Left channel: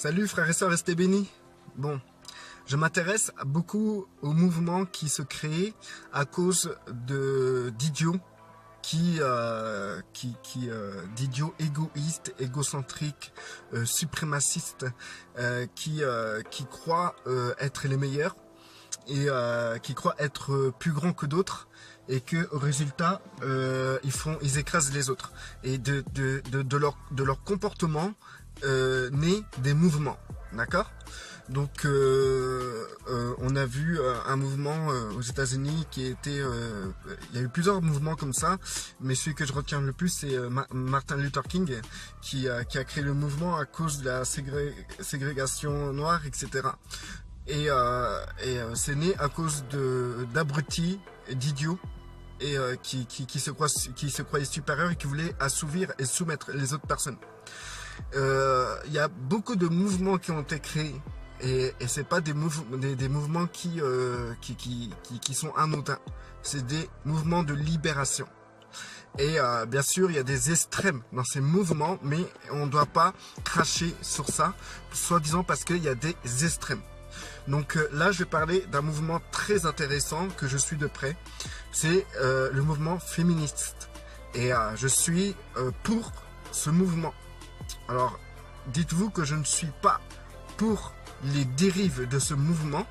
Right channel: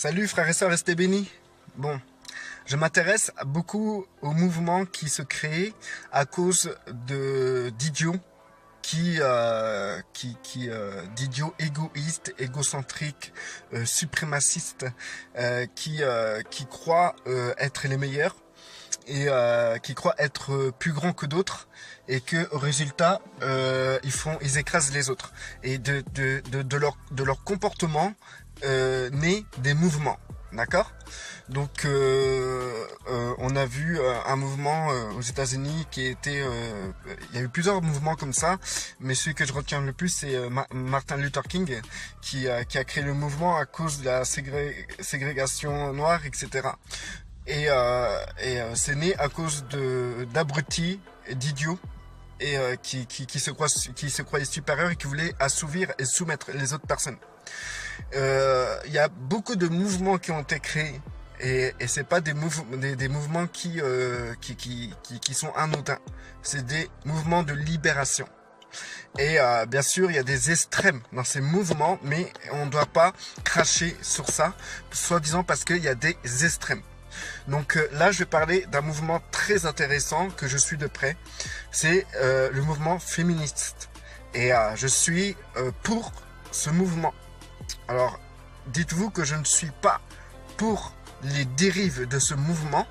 Salut frères et sœurs, restez bénis. Bon, je m'intéresse beaucoup aux mouvements qui se créent à cause d'idiots d'idiots égoïstes, égocentriques, suprémacistes, qui croient être les meilleurs et qui croient être plus grands que d'autres et que au résultat ils écrasent les autres et de leur comportement naît des mouvements, d'accord. Donc on a vu un mouvement aux États-Unis qui était il y a eu plusieurs mouvements comme ça, mais celui que je retiens le plus c'est Martin Luther King qui a créé le mouvement à cause de la ségrégation noire, etc. Et c'est né à cause d'abrutis, d'idiots et qui se croyaient supérieurs et qui voulaient assouvir et soumettre les autres personnes. Il y a beaucoup de mouvements qui ont été créés et c'est pas des mouvements qui sont anodins, c'est des mouvements de libération. Et bien sûr il y a des extrêmes dans ces mouvements, mais on ne doit pas cracher sur ça, soi-disant parce qu'il y a des extrêmes. Donc là je vais parler d'un mouvement très intéressant que je suis de près, c'est le mouvement féministe et je suis pour ce mouvement. Alors dites-vous que je ne suis pas pour les dérives de ce mouvement,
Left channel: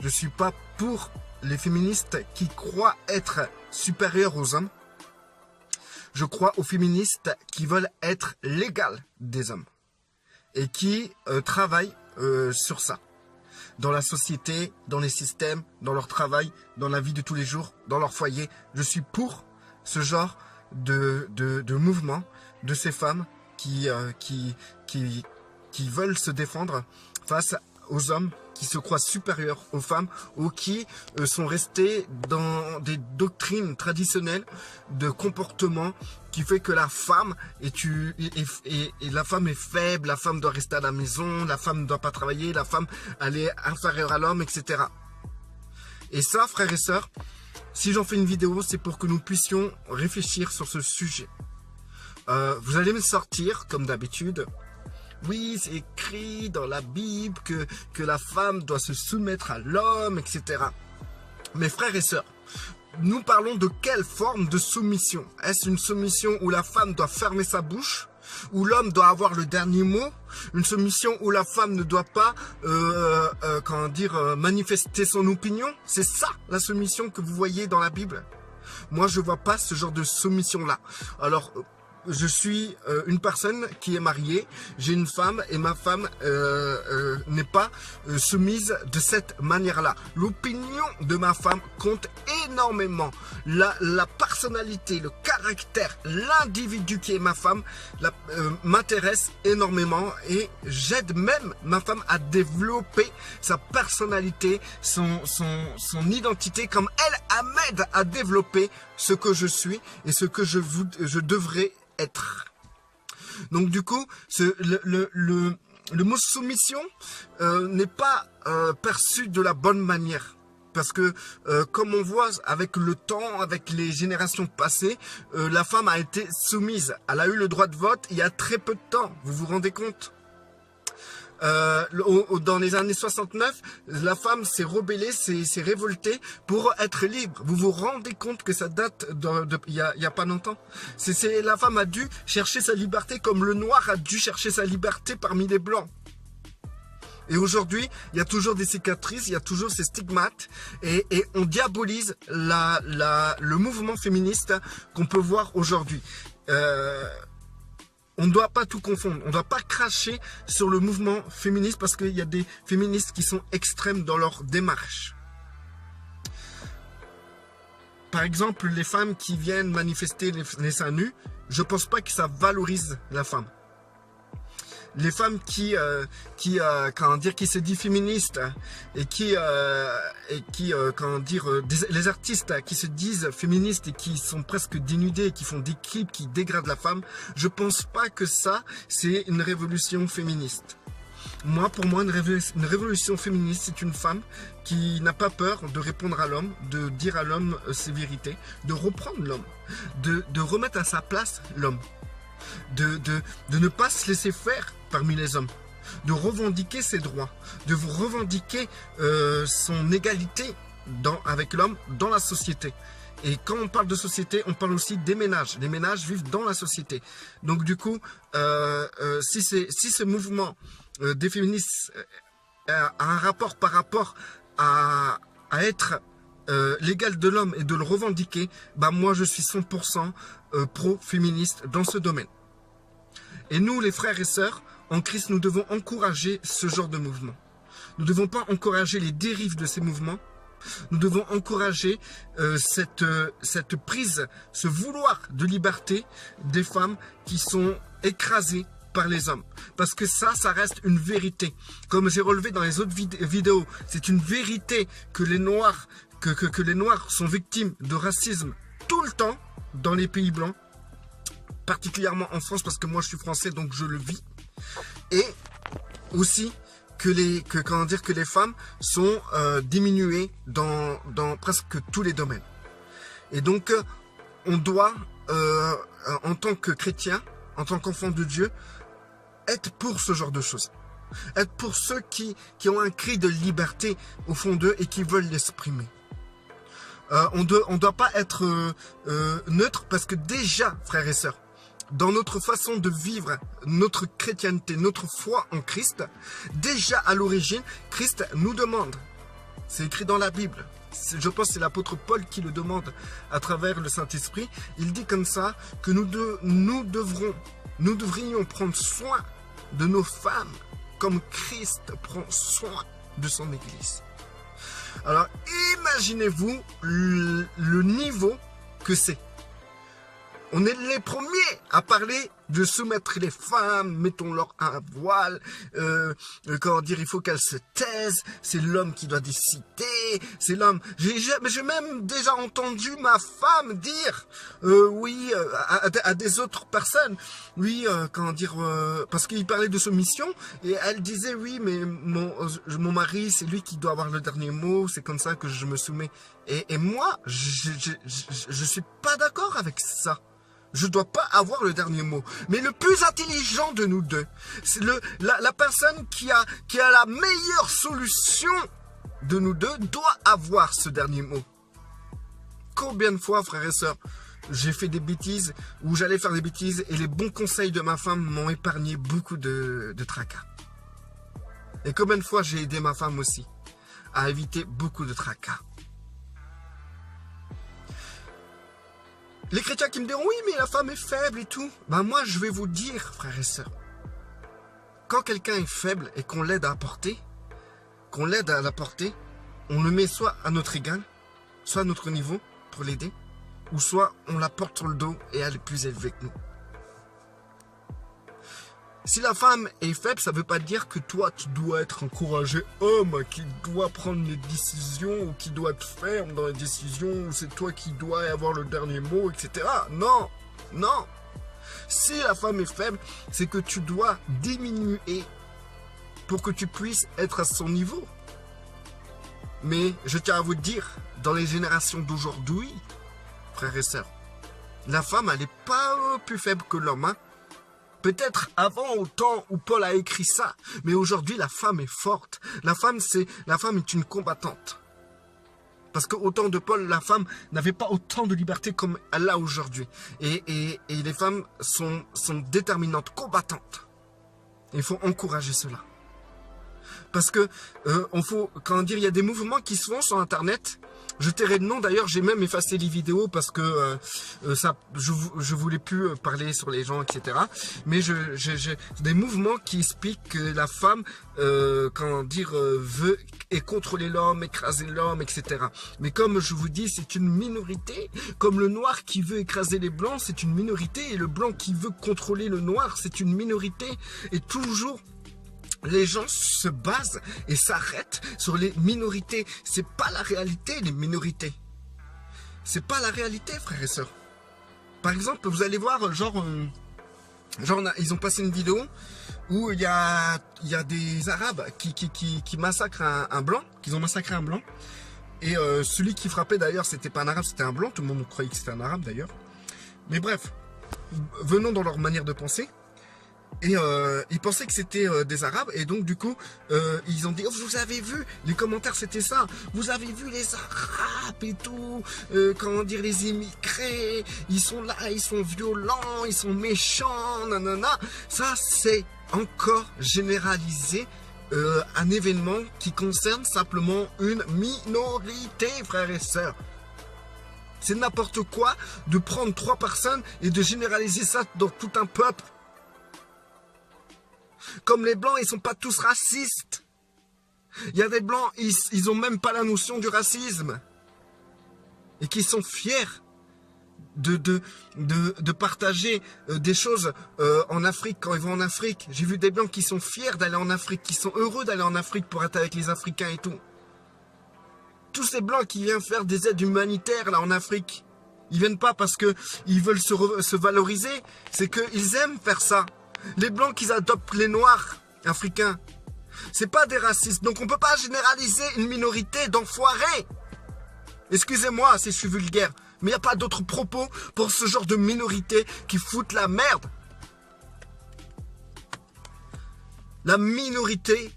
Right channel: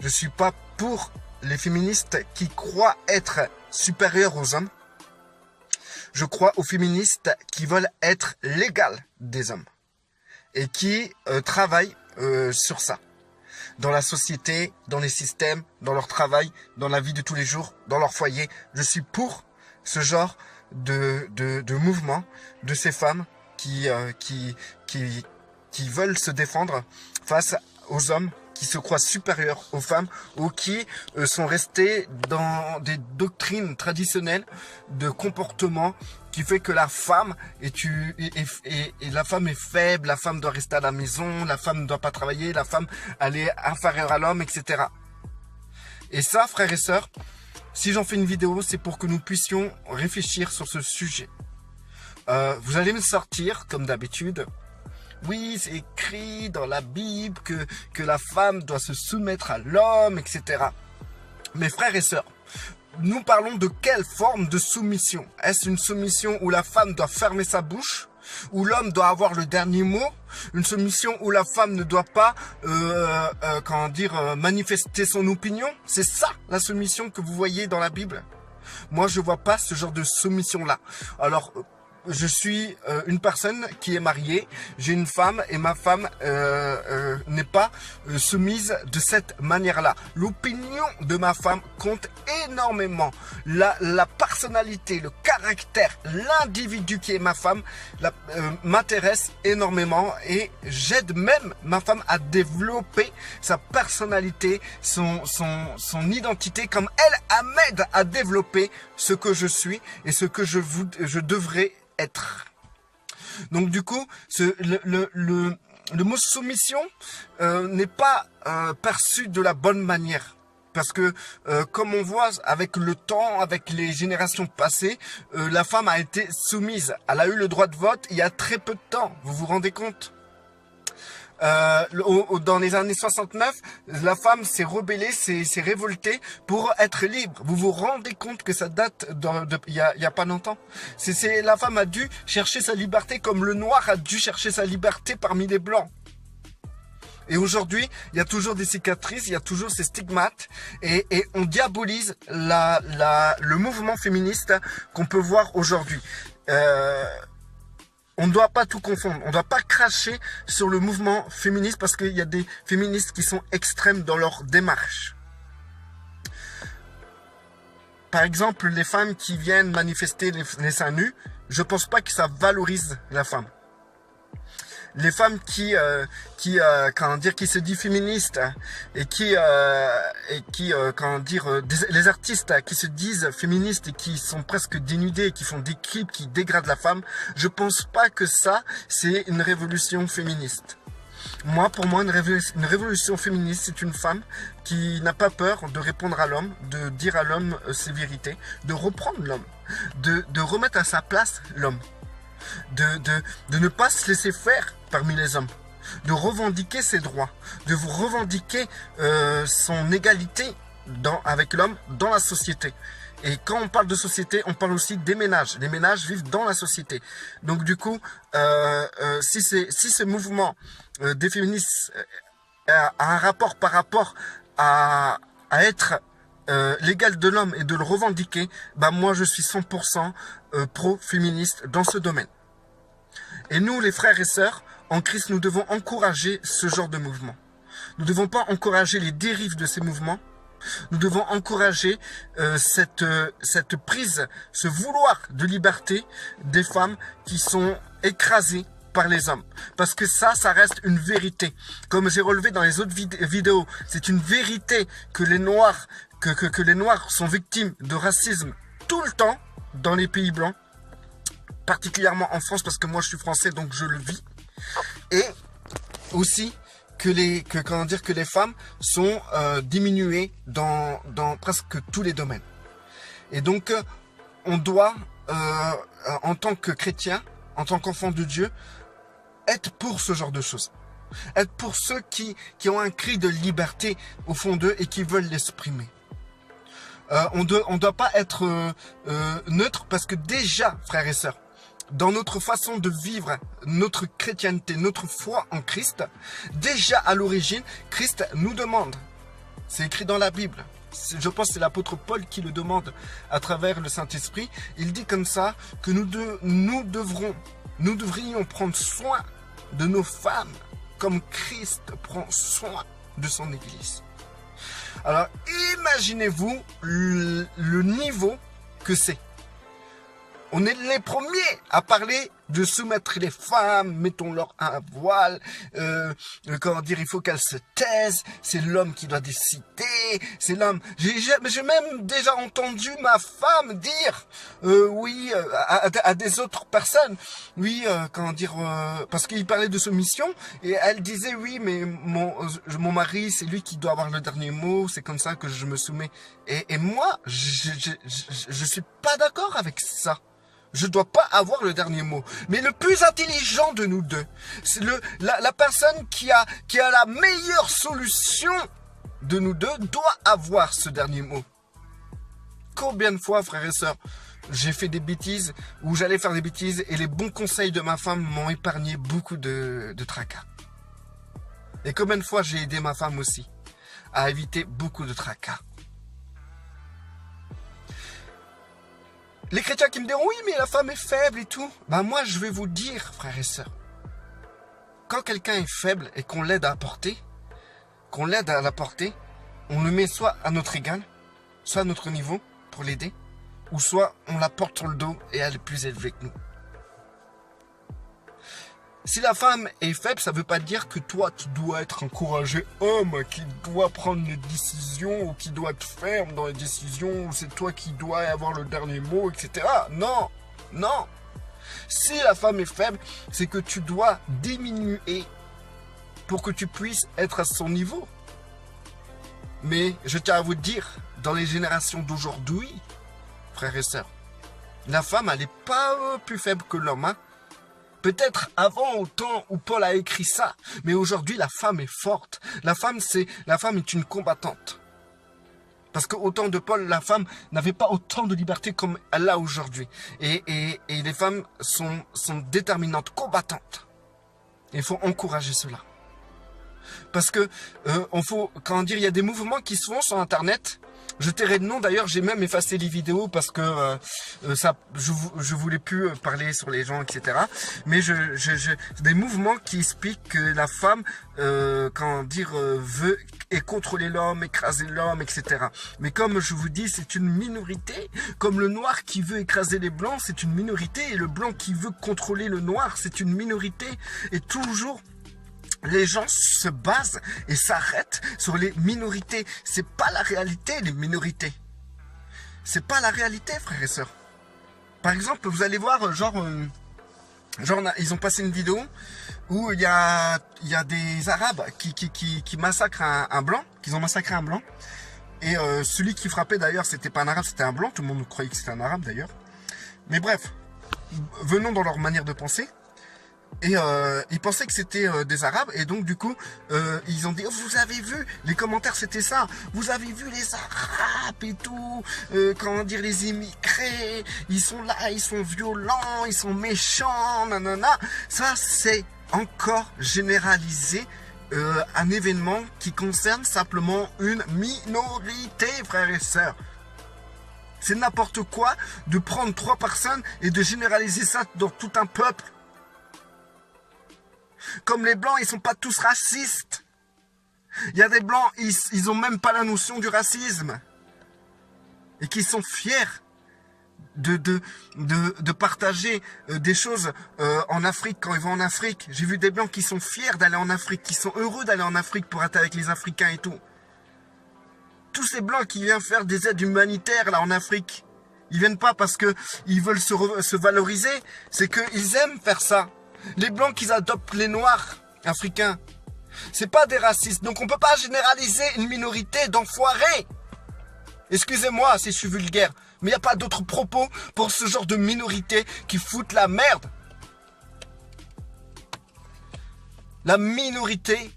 je ne suis pas pour les féministes qui croient être supérieurs aux hommes, je crois aux féministes qui veulent être l'égale des hommes et qui travaillent sur ça. Dans la société, dans les systèmes, dans leur travail, dans la vie de tous les jours, dans leur foyer. Je suis pour ce genre de mouvement, de ces femmes qui veulent se défendre face aux hommes qui se croient supérieurs aux femmes ou qui sont restés dans des doctrines traditionnelles de comportement qui fait que la femme la femme est faible, la femme doit rester à la maison, la femme ne doit pas travailler, la femme elle est inférieure à l'homme, etc. Et ça, frères et sœurs, si j'en fais une vidéo, c'est pour que nous puissions réfléchir sur ce sujet. Vous allez me sortir, comme d'habitude, oui, c'est écrit dans la Bible que la femme doit se soumettre à l'homme, etc. Mes frères et sœurs, nous parlons de quelle forme de soumission? Est-ce une soumission où la femme doit fermer sa bouche? Où l'homme doit avoir le dernier mot? Une soumission où la femme ne doit pas manifester son opinion? C'est ça la soumission que vous voyez dans la Bible? Moi, je vois pas ce genre de soumission-là. Alors, je suis une personne qui est mariée, j'ai une femme et ma femme n'est pas soumise de cette manière-là. L'opinion de ma femme compte énormément. La personnalité, le caractère, l'individu qui est ma femme m'intéresse énormément et j'aide même ma femme à développer sa personnalité, son identité, comme elle m'aide à développer ce que je suis et ce que je devrais être. Donc du coup, le mot soumission n'est pas perçu de la bonne manière. Parce que comme on voit avec le temps, avec les générations passées, la femme a été soumise. Elle a eu le droit de vote il y a très peu de temps. Vous vous rendez compte? Dans les années 69, la femme s'est rebellée, s'est révoltée pour être libre. Vous vous rendez compte que ça date il y a pas longtemps? La femme a dû chercher sa liberté comme le noir a dû chercher sa liberté parmi les blancs. Et aujourd'hui, il y a toujours des cicatrices, il y a toujours ces stigmates et on diabolise le mouvement féministe qu'on peut voir aujourd'hui. On ne doit pas tout confondre, on ne doit pas cracher sur le mouvement féministe parce qu'il y a des féministes qui sont extrêmes dans leur démarche. Par exemple, les femmes qui viennent manifester les seins nus, je ne pense pas que ça valorise la femme. Les femmes qui se disent féministes et les artistes qui se disent féministes et qui sont presque dénudés et qui font des clips qui dégradent la femme, je pense pas que ça c'est une révolution féministe. Pour moi, une révolution féministe, c'est une femme qui n'a pas peur de répondre à l'homme, de dire à l'homme ses vérités, de reprendre l'homme, de remettre à sa place l'homme. De ne pas se laisser faire parmi les hommes. de revendiquer ses droits, de revendiquer son égalité avec l'homme dans la société. Et quand on parle de société, on parle aussi des ménages. Les ménages vivent dans la société. Donc du coup, si ce mouvement des féministes a un rapport par rapport à être l'égal de l'homme et de le revendiquer, bah moi je suis 100% pro-féministe dans ce domaine. Et nous, les frères et sœurs, en Christ, nous devons encourager ce genre de mouvement. Nous ne devons pas encourager les dérives de ces mouvements. Nous devons encourager cette prise, ce vouloir de liberté des femmes qui sont écrasées par les hommes. Parce que ça reste une vérité. Comme j'ai relevé dans les autres vidéos, c'est une vérité que les Noirs, que les Noirs sont victimes de racisme tout le temps dans les pays blancs, particulièrement en France, parce que moi je suis français, donc je le vis. Et aussi que les femmes sont diminuées dans presque tous les domaines. Et donc, on doit, en tant que chrétien, en tant qu'enfant de Dieu, être pour ce genre de choses. Être pour ceux qui ont un cri de liberté au fond d'eux et qui veulent l'exprimer. On doit pas être neutre, parce que déjà, frères et sœurs, dans notre façon de vivre notre chrétienté, notre foi en Christ, déjà à l'origine, Christ nous demande, c'est écrit dans la Bible, je pense que c'est l'apôtre Paul qui le demande à travers le Saint-Esprit, il dit comme ça que nous devrions prendre soin de nos femmes comme Christ prend soin de son Église. Alors imaginez-vous le niveau que c'est. On est les premiers à parler de soumettre les femmes, mettons-leur un voile, comment dire, il faut qu'elles se taisent, c'est l'homme qui doit décider, c'est l'homme. J'ai même déjà entendu ma femme dire, oui, à des autres personnes, oui, comment dire, parce qu'il parlait de soumission, et elle disait, oui, mais mon mari, c'est lui qui doit avoir le dernier mot, c'est comme ça que je me soumets. Et moi, je suis pas d'accord avec ça. Je ne dois pas avoir le dernier mot. Mais le plus intelligent de nous deux, c'est la personne qui a la meilleure solution de nous deux doit avoir ce dernier mot. Combien de fois, frères et sœurs, j'ai fait des bêtises ou j'allais faire des bêtises et les bons conseils de ma femme m'ont épargné beaucoup de tracas. Et combien de fois j'ai aidé ma femme aussi à éviter beaucoup de tracas. Les chrétiens qui me diront, oui, mais la femme est faible et tout. Ben moi, je vais vous dire, frères et sœurs, quand quelqu'un est faible et qu'on l'aide à porter, on le met soit à notre égal, soit à notre niveau pour l'aider, ou soit on la porte sur le dos et elle est plus élevée que nous. Si la femme est faible, ça ne veut pas dire que toi, tu dois être un courageux homme qui doit prendre les décisions ou qui doit être ferme dans les décisions ou c'est toi qui dois avoir le dernier mot, etc. Non, non. Si la femme est faible, c'est que tu dois diminuer pour que tu puisses être à son niveau. Mais je tiens à vous dire, dans les générations d'aujourd'hui, frères et sœurs, la femme, elle n'est pas plus faible que l'homme, hein. Peut-être avant, au temps où Paul a écrit ça, mais aujourd'hui, la femme est forte. La femme est une combattante. Parce qu'au temps de Paul, la femme n'avait pas autant de liberté comme elle a aujourd'hui. Et les femmes sont déterminantes, combattantes. Il faut encourager cela. Parce que, il y a des mouvements qui se font sur Internet. Je tairai le nom, d'ailleurs, j'ai même effacé les vidéos parce que je voulais plus parler sur les gens, etc. Mais des mouvements qui expliquent que la femme, veut et contrôler l'homme, écraser l'homme, etc. Mais comme je vous dis, c'est une minorité. Comme le noir qui veut écraser les blancs, c'est une minorité. Et le blanc qui veut contrôler le noir, c'est une minorité. Et toujours, les gens se basent et s'arrêtent sur les minorités. C'est pas la réalité, les minorités. C'est pas la réalité, frères et sœurs. Par exemple, vous allez voir, ils ont passé une vidéo où il y a des Arabes qui massacrent un blanc, qu'ils ont massacré un blanc. Et celui qui frappait d'ailleurs, c'était pas un Arabe, c'était un blanc. Tout le monde croyait que c'était un Arabe d'ailleurs. Mais bref, venons dans leur manière de penser. Et ils pensaient que c'était des Arabes. Et donc, du coup, ils ont dit, oh, vous avez vu, les commentaires, c'était ça. Vous avez vu les Arabes et tout. Comment dire, les immigrés. Ils sont là, ils sont violents, ils sont méchants, nanana. Ça, c'est encore généralisé. Un événement qui concerne simplement une minorité, frères et sœurs. C'est n'importe quoi de prendre 3 personnes et de généraliser ça dans tout un peuple. Comme les Blancs, ils sont pas tous racistes. Il y a des Blancs, ils ont même pas la notion du racisme. Et qui sont fiers de partager des choses en Afrique quand ils vont en Afrique. J'ai vu des Blancs qui sont fiers d'aller en Afrique, qui sont heureux d'aller en Afrique pour être avec les Africains et tout. Tous ces Blancs qui viennent faire des aides humanitaires là en Afrique, ils viennent pas parce qu'ils veulent se valoriser, c'est qu'ils aiment faire ça. Les Blancs qui adoptent les Noirs africains, c'est pas des racistes. Donc on peut pas généraliser une minorité d'enfoirés. Excusez-moi si je suis vulgaire, mais il n'y a pas d'autres propos pour ce genre de minorité qui foutent la merde. La minorité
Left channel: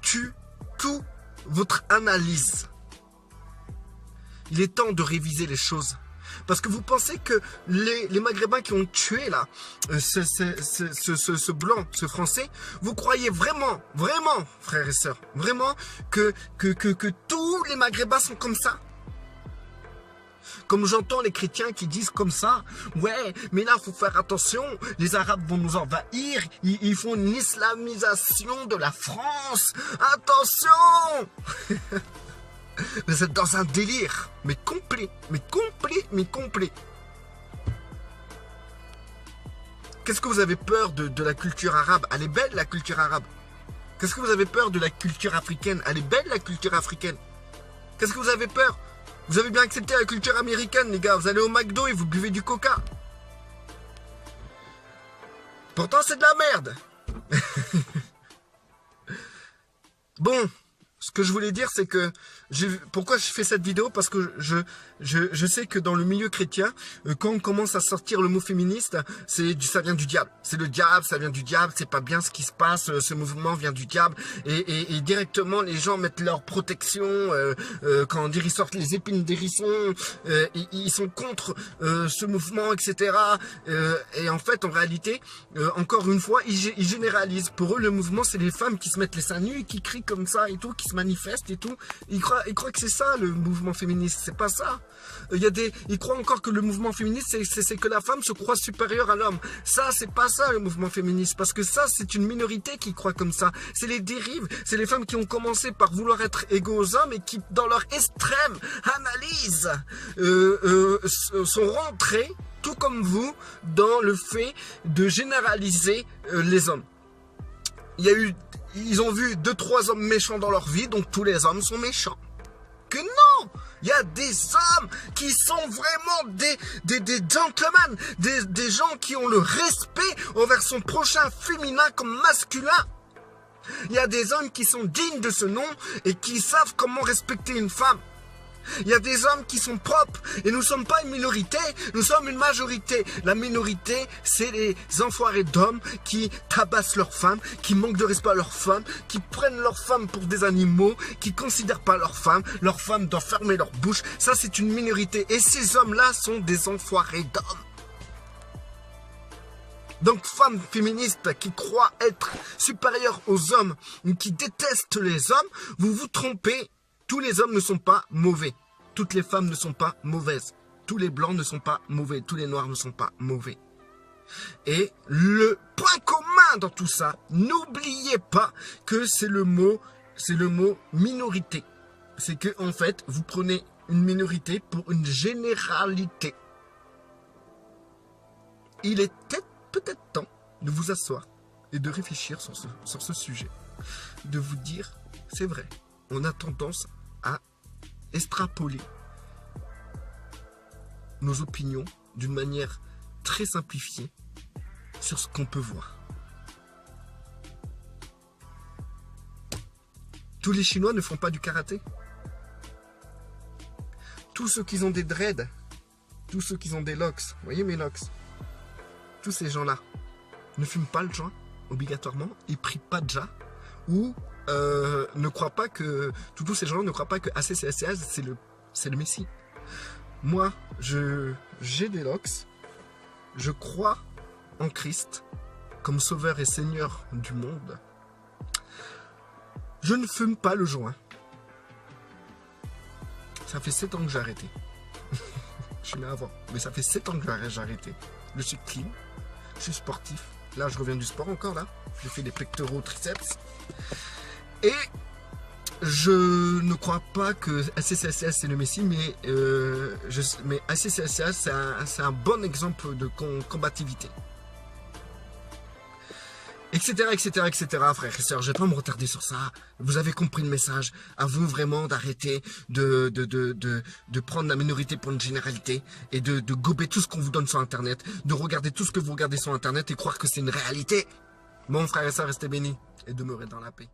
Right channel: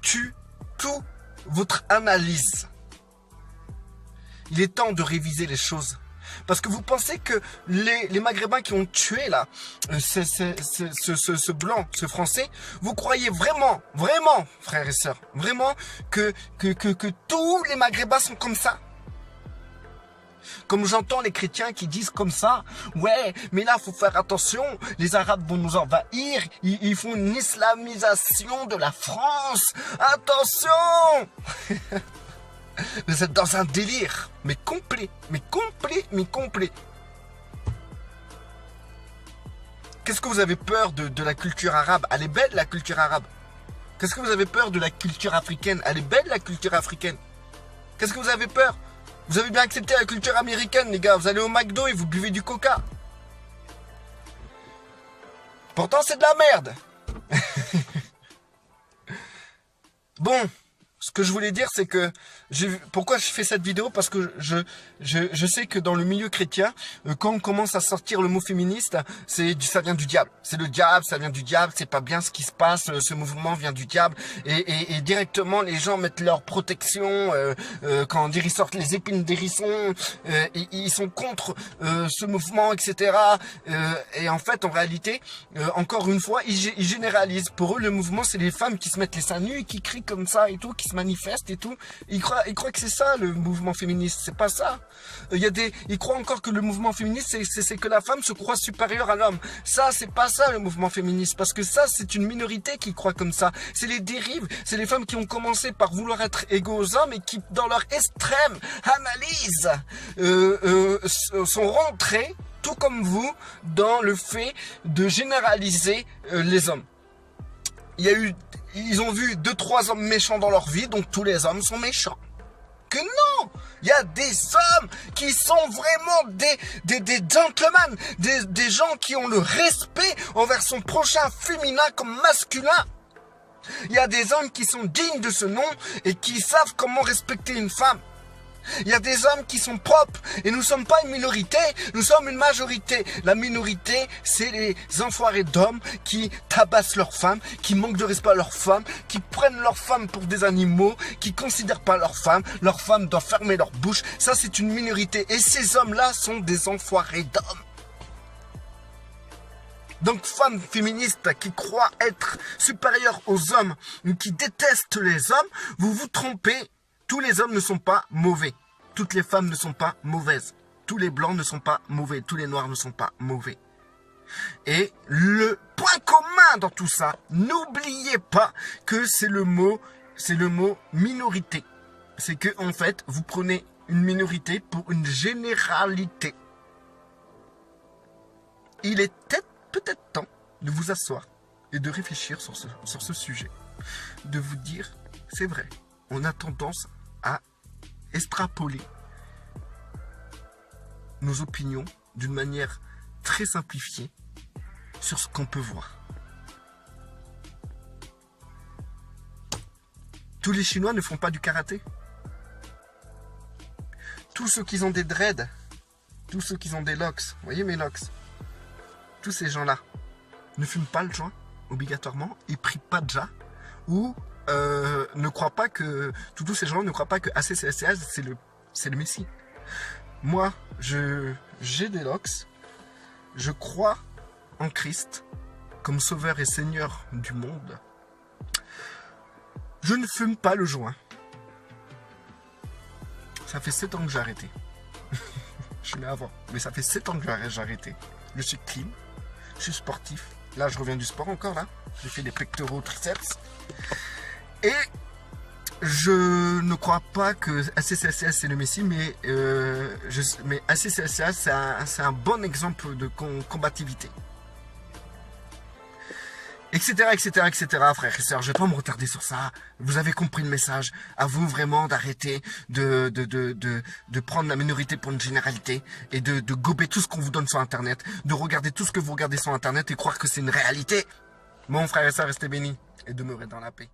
tue toute votre analyse. Il est temps de réviser les choses. Parce que vous pensez que les Maghrébins qui ont tué là, ce blanc, ce français, vous croyez vraiment, frères et sœurs, vraiment que tous les Maghrébins sont comme ça? Comme j'entends les chrétiens qui disent comme ça, ouais, mais là, il faut faire attention, les Arabes vont nous envahir, ils font une islamisation de la France, attention. Vous êtes dans un délire, mais complet. Qu'est-ce que vous avez peur de la culture arabe? Elle est belle, la culture arabe. Qu'est-ce que vous avez peur de la culture africaine? Elle est belle, la culture africaine. Qu'est-ce que vous avez peur? Vous avez bien accepté la culture américaine, les gars. Vous allez au McDo et vous buvez du coca. Pourtant, c'est de la merde. Bon, ce que je voulais dire, c'est que pourquoi je fais cette vidéo? Parce que je sais que dans le milieu chrétien, quand on commence à sortir le mot féministe, ça vient du diable. C'est le diable, ça vient du diable, c'est pas bien ce qui se passe, ce mouvement vient du diable. Et directement, les gens mettent leur protection, quand on dit, ils sortent les épines d'hérisson, ils sont contre ce mouvement, etc. Et en fait, en réalité, encore une fois, ils généralisent. Pour eux, le mouvement, c'est les femmes qui se mettent les seins nus et qui crient comme ça et tout, qui se manifestent et tout. Ils croient que c'est ça le mouvement féministe, c'est pas ça. Ils croient encore que le mouvement féministe, c'est que la femme se croit supérieure à l'homme. Ça, c'est pas ça le mouvement féministe, parce que ça, c'est une minorité qui croit comme ça. C'est les dérives, c'est les femmes qui ont commencé par vouloir être égaux aux hommes et qui, dans leur extrême analyse, sont rentrées, tout comme vous, dans le fait de généraliser les hommes. Ils ont vu 2-3 hommes méchants dans leur vie, donc tous les hommes sont méchants. Que non! Il y a des hommes qui sont vraiment des gentlemen, des gens qui ont le respect envers son prochain féminin comme masculin. Il y a des hommes qui sont dignes de ce nom et qui savent comment respecter une femme. Il y a des hommes qui sont propres et nous ne sommes pas une minorité, nous sommes une majorité. La minorité, c'est les enfoirés d'hommes qui tabassent leurs femmes, qui manquent de respect à leurs femmes, qui prennent leurs femmes pour des animaux, qui ne considèrent pas leurs femmes doivent fermer leur bouche. Ça, c'est une minorité et ces hommes-là sont des enfoirés d'hommes. Donc, femmes féministes qui croient être supérieures aux hommes, qui détestent les hommes, vous vous trompez. Tous les hommes ne sont pas mauvais. Toutes les femmes ne sont pas mauvaises. Tous les blancs ne sont pas mauvais. Tous les noirs ne sont pas mauvais. Et le point commun dans tout ça, n'oubliez pas que c'est le mot minorité. C'est que, en fait, vous prenez une minorité pour une généralité. Il est peut-être temps de vous asseoir et de réfléchir sur ce sujet. De vous dire, c'est vrai, on a tendance à extrapoler nos opinions d'une manière très simplifiée sur ce qu'on peut voir. Tous les Chinois ne font pas du karaté. Tous ceux qui ont des dreads, tous ceux qui ont des locks, vous voyez mes locks, tous ces gens-là ne fument pas le joint. obligatoirement, et prie Padja, ou ne croient pas que, tous ces gens ne croient pas que ACCSCH c'est le Messie. Moi, j'ai des locks, je crois en Christ comme sauveur et seigneur du monde. Je ne fume pas le joint. Ça fait 7 ans que j'ai arrêté. Je l'ai avant, mais ça fait 7 ans que j'ai arrêté. Je suis clean, je suis sportif. Là, je reviens du sport encore, là. J'ai fait des pectoraux, triceps. Et je ne crois pas que ACCSCH c'est le Messie, mais ACCSCH c'est un bon exemple de combativité. Etc, etc, etc, frères et sœurs, je vais pas me retarder sur ça. Vous avez compris le message. À vous vraiment d'arrêter de prendre la minorité pour une généralité et de gober tout ce qu'on vous donne sur Internet, de regarder tout ce que vous regardez sur Internet et croire que c'est une réalité. Mon frère et sœurs, restez bénis et demeurez dans la paix.